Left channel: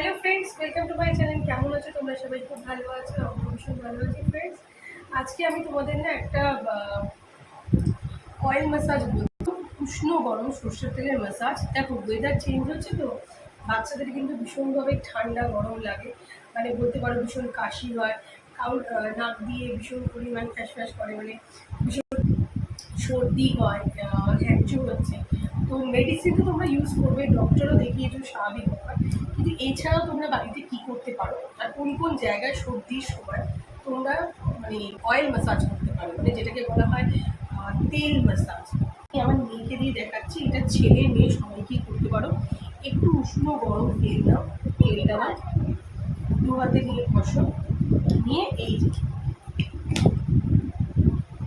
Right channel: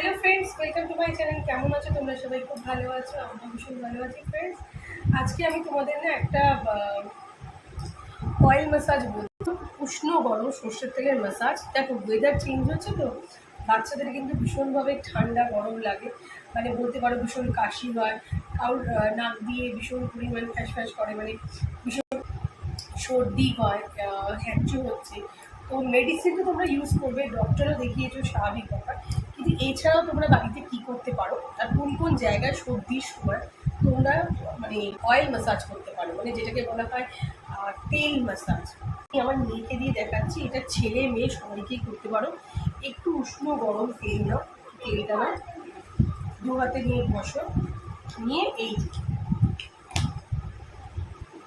Hello friends, welcome to my channel. কেমন আছো তোমরা? সবাই খুব ভালো আছো, আমরা ভীষণ ভালো আছি ফ্রেন্ডস। আজকে আমি তোমাদের না একটা অয়েল ম্যাসাজ বলবো, উষ্ণ গরম সর্ষের তেলের ম্যাসাজ। দেখো, ওয়েদার চেঞ্জ হচ্ছে তো বাচ্চাদের কিন্তু ভীষণভাবে ঠান্ডা গরম লাগে, মানে বলতে পারো ভীষণ কাশি হয়, কারোর নাক দিয়ে ভীষণ পরিমাণ ফ্যাস ফ্যাস করে, মানে ভীষণ সর্দি হয়, হ্যাঁচু হচ্ছে। তো মেডিসিন তো তোমরা ইউজ করবে, ডক্টরও দেখিয়েছো, স্বাভাবিক ব্যাপার। কিন্তু এছাড়াও তোমরা বাড়িতে কী করতে পারো, আর কোন কোন জায়গায় সর্দির সময় তোমরা মানে অয়েল ম্যাসাজ করতে পারো, মানে যেটাকে বলা হয় তেল ম্যাসাজ। আমি আমার মেয়েকে দিয়ে দেখাচ্ছি, এটা ছেলে মেয়ে সবাইকেই করতে পারো। একটু উষ্ণ গরম তেল নাও, তেলটা নাও, দু হাতে নিয়ে বসো, নিয়ে এই যে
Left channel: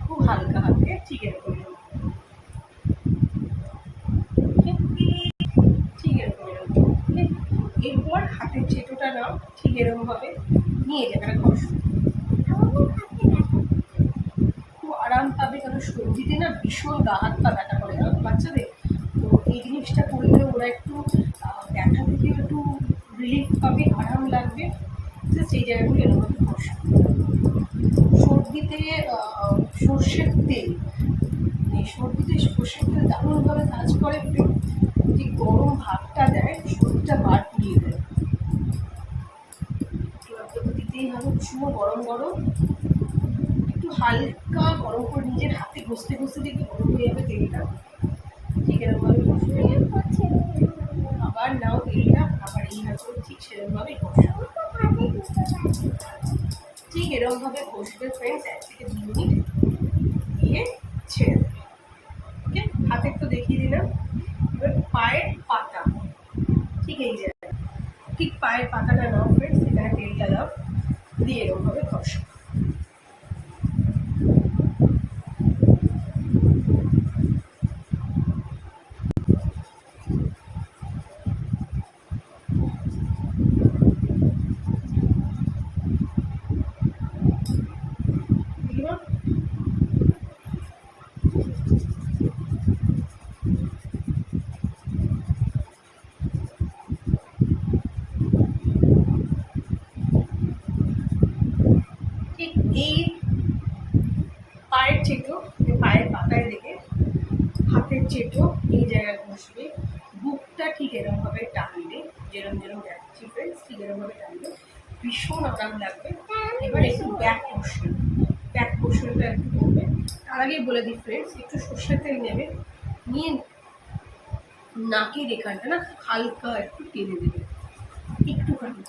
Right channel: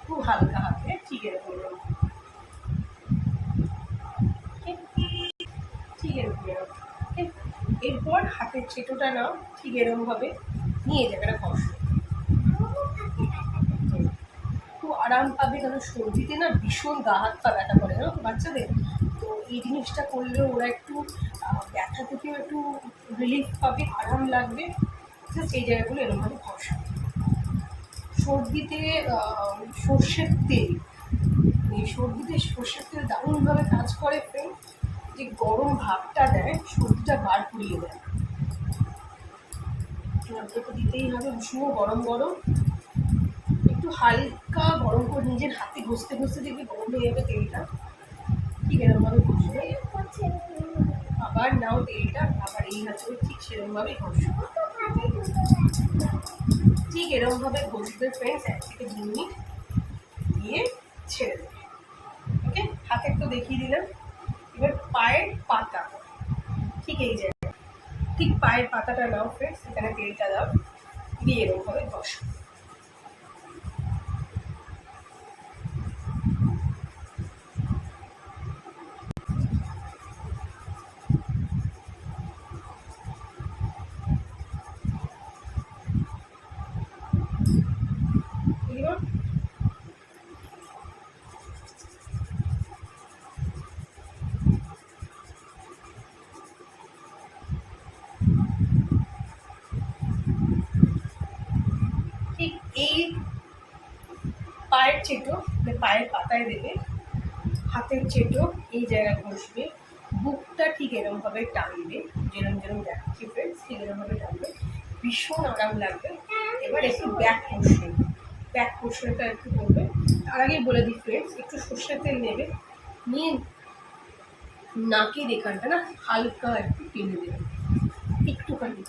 খুব হালকা হাতে ঠিক এরকম, ঠিক এরকম এরকম, ঠিক। এরপর হাতের চেটোটা নাও, ঠিক এরকমভাবে নিয়ে জায়গাটা কষো, খুব আরাম পাবে। কারণ সর্দিতে না ভীষণ গা হাত পা ব্যথা করে, জানো তো বাচ্চাদের। তো এই জিনিসটা করলেও ওরা একটু ব্যথা থেকেও একটু রিলিফ পাবে, আরাম লাগবে। সেই জায়গাগুলো এরকমভাবে ঘষো। সর্দিতে সর্ষের তেল, এই সর্দিতে সর্ষের তেল দারুণভাবে কাজ করে। যে গরম ভাবটা দেয়, সর্দিটা বার করিয়ে দেয়। তোকে দিতেই হবে উষ্ণ গরম গরম, একটু হালকা গরম করে নিজের হাতে ঘষতে ঘষতে দেখবি গরম হয়ে যাবে তেলটা। ঠিক এরকমভাবে ঘষবে, আবার নাও তেলটা, আবার এই হাতে ঠিক সেরকমভাবেই ঘষো। ঠিক এরকমভাবে ঘষবে ফ্রেন্ডস, 1 থেকে 2 মিনিট দিয়ে ছেড়ে দেবে। ওকে, হাতের তো দেখিয়ে দিলাম। এবার পায়ের পাতা, ঠিক এই জায়গায়, ঠিক পায়ের পাতাটা নাও ফ্রেন্ডস, এখানে তেলটা দাও, দিয়ে এরকমভাবে ঘষো। এগুলো ঠিক এই পায়ের চেটো, মানে পায়ের পাতায় রেখে হাতের চেটো এই জায়গায় বসবে, বুকটা ঠিক এরকমভাবে টানবে, যেরকম যেরকম দেখাচ্ছি ফ্রেন্ডস, ঠিক এরকমভাবে টানবে, ভীষণ আরাম লাগবে। এবার একটু ব্যাক পোর্শন, ব্যাক পোর্শনটা একটু করবে। তার আগেই বলে দিই ফ্রেন্ডস, একটু সর্ষের তেল নেবে, নিয়ে নাকের এখানটা না হালকা একটু টেনে দেবে, একটুখানি।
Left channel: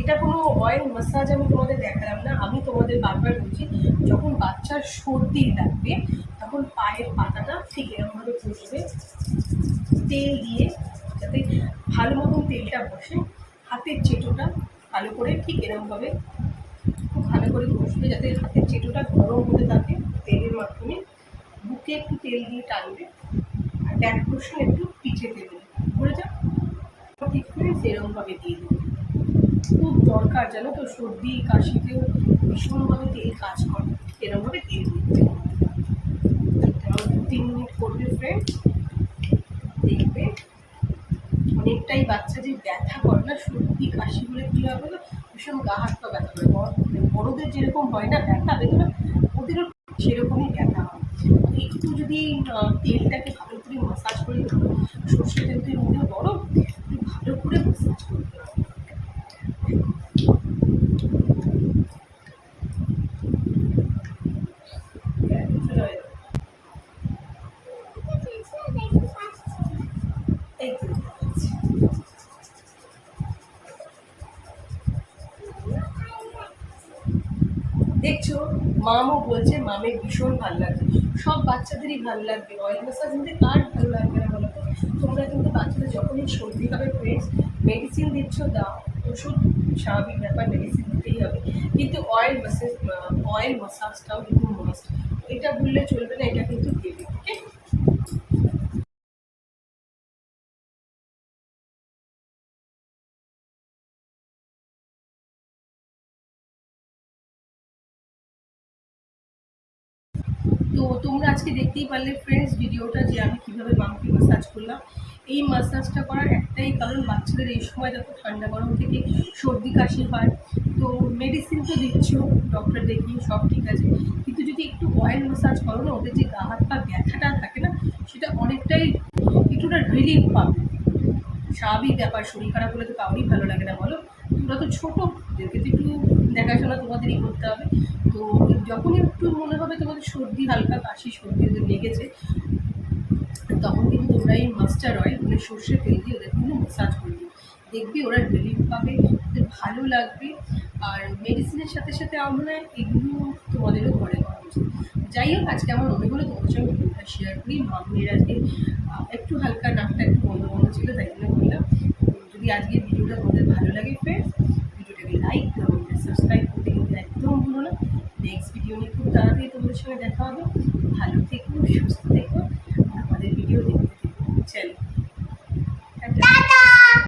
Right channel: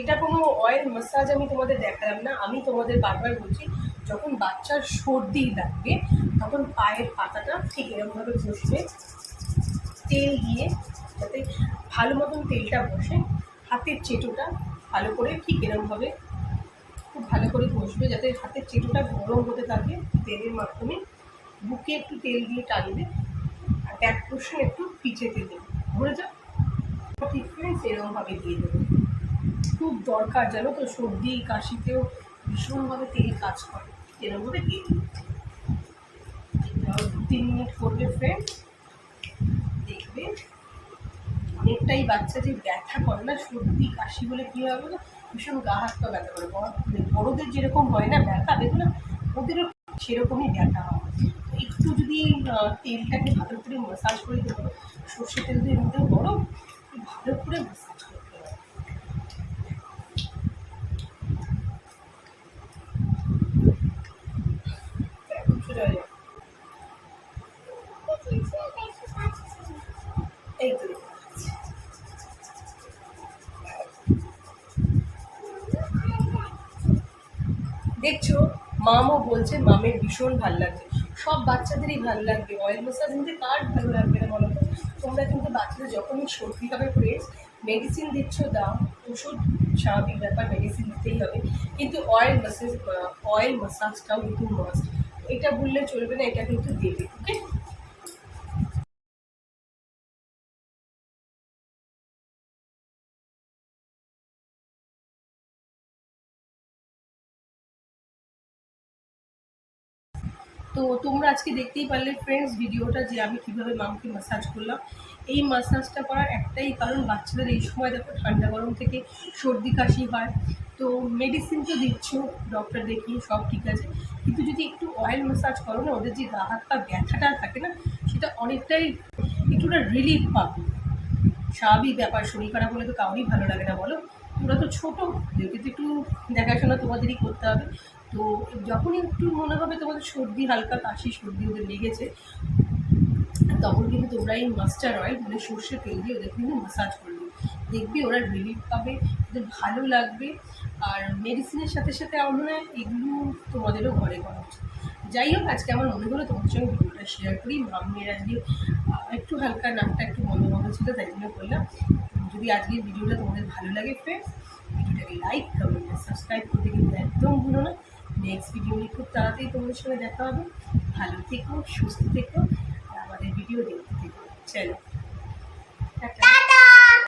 এটা কোনো অয়েল ম্যাসাজ আমি তোমাদের দেখালাম না, আমি তোমাদের বারবার বলছি, যখন বাচ্চার সর্দি লাগবে তখন পায়ের পাতাটা ঠিক এরকমভাবে ঘষবে তেল দিয়ে, যাতে ভালো মতন তেলটা বসে। হাতের চেটোটা ভালো করে ঠিক এরকমভাবে খুব ভালো করে ঘষবে, যাতে হাতের চেটোটা গরম হতে থাকে তেলের মাধ্যমে। বুকে একটু তেল দিয়ে টানবে, আর ব্যাক পোর্শন একটু পিঠেতে দেবে, ভরে যাও। ঠিক করে সেরকমভাবে দিয়ে দেবে। খুব দরকার, জানো তো, সর্দি কাশিতেও ভীষণভাবে তেল কাজ করে। এরকমভাবে তেল দিতে 2-3 মিনিট করবে ফ্রেন্ড, দেখবে অনেকটাই বাচ্চা যে ব্যথা করে না, সর্দি কাশি বলে কী হয় বলো, ভীষণ গা হাত পা ব্যথা করে। বড়োদের যেরকম হয় না ব্যথা বেদনা, ওদেরও সেরকমই ব্যথা হয়। তো একটু যদি তেলটাকে ভালো করে মাসাজ করে দিতে পারো, সর্ষের তেল তো এমনিতেও গরম, একটু ভালো করে মাসাজ করতে হবে। এই তো দেখছো, মামও বলছে মামের ভীষণ ভালো লাগছে। সব বাচ্চাদেরই ভালো লাগবে অয়েল ম্যাসাজ, কিন্তু কার ভালো লাগবে না বলো তো। তোমরা কিন্তু বাচ্চাদের যখনই সর্দি হবে ফ্রেন্ডস, মেডিসিন দিচ্ছ দাও, ওষুধ স্বাভাবিক ব্যাপার, মেডিসিন দিতেই হবে, কিন্তু অয়েল ম্যাসাজটাও কিন্তু মাস্ট। এটা বললে চলবে না, এটা কিন্তু দেবে। ওকে। তো তোমরা আজকে দেখতেই পারলে ফ্রেন্ডস ভিডিওটা যে আমি কীভাবে মামকে ম্যাসাজ করলাম। এই ম্যাসাজটা করার একটাই কারণ, বাচ্চাদের এই সময় দেখো ঠান্ডা গরম থেকে সর্দি কাশি হয়, তো মেডিসিন তো দিচ্ছ ডক্টর দেখিয়ে, সব ঠিক আছে, কিন্তু যদি একটু অয়েল ম্যাসাজ করো না, ওদের যে গা হাত পা ব্যথাটা থাকে না, সেটা অনেকটাই একটুটা রিলিফ পাবে। স্বাভাবিক ব্যাপার, শরীর খারাপ হলে তো কাউরই ভালো লাগে না বলো। তোমরা তো ছোটো, ওদেরকে তো একটু দেখাশোনা তোমাদেরই করতে হবে। তো যখনই একটু মনে হবে তোমাদের সর্দি, হালকা কাশি সর্দি ওদের লেগেছে, তখন কিন্তু তোমরা এই মাস্টার অয়েল মানে সর্ষের তেল দিয়ে ওদের কিন্তু ম্যাসাজ করবে, দেখবি ওরা রিলিফ পাবে, ওদের ভালো লাগবে। আর মেডিসিনের সাথে সাথে আমার মনে হয় এগুলো তোমাদেরও ঘরে করা উচিত। যাই হোক, আজকে আমার মনে হলো তোমাদের সঙ্গে ভিডিওটা শেয়ার করি। মাম্মির আজকে একটু হালকা নাকটা একটু বন্ধ বন্ধ ছিল, তাই জন্য বললাম। যদি আজকের ভিডিওটা তোমাদের ভালো লাগে ফ্রেন্ডস, ভিডিওটাকে লাইক, কমেন্ট, সাবস্ক্রাইব করতে কিন্তু একদম ভুলো না। নেক্সট ভিডিও নিয়ে খুব তাড়াতাড়ি তোমাদের সঙ্গে দেখা হবে। ভালো থেকো, সুস্থ থেকো, আমাদের ভিডিও দেখতে থেকো। চলো।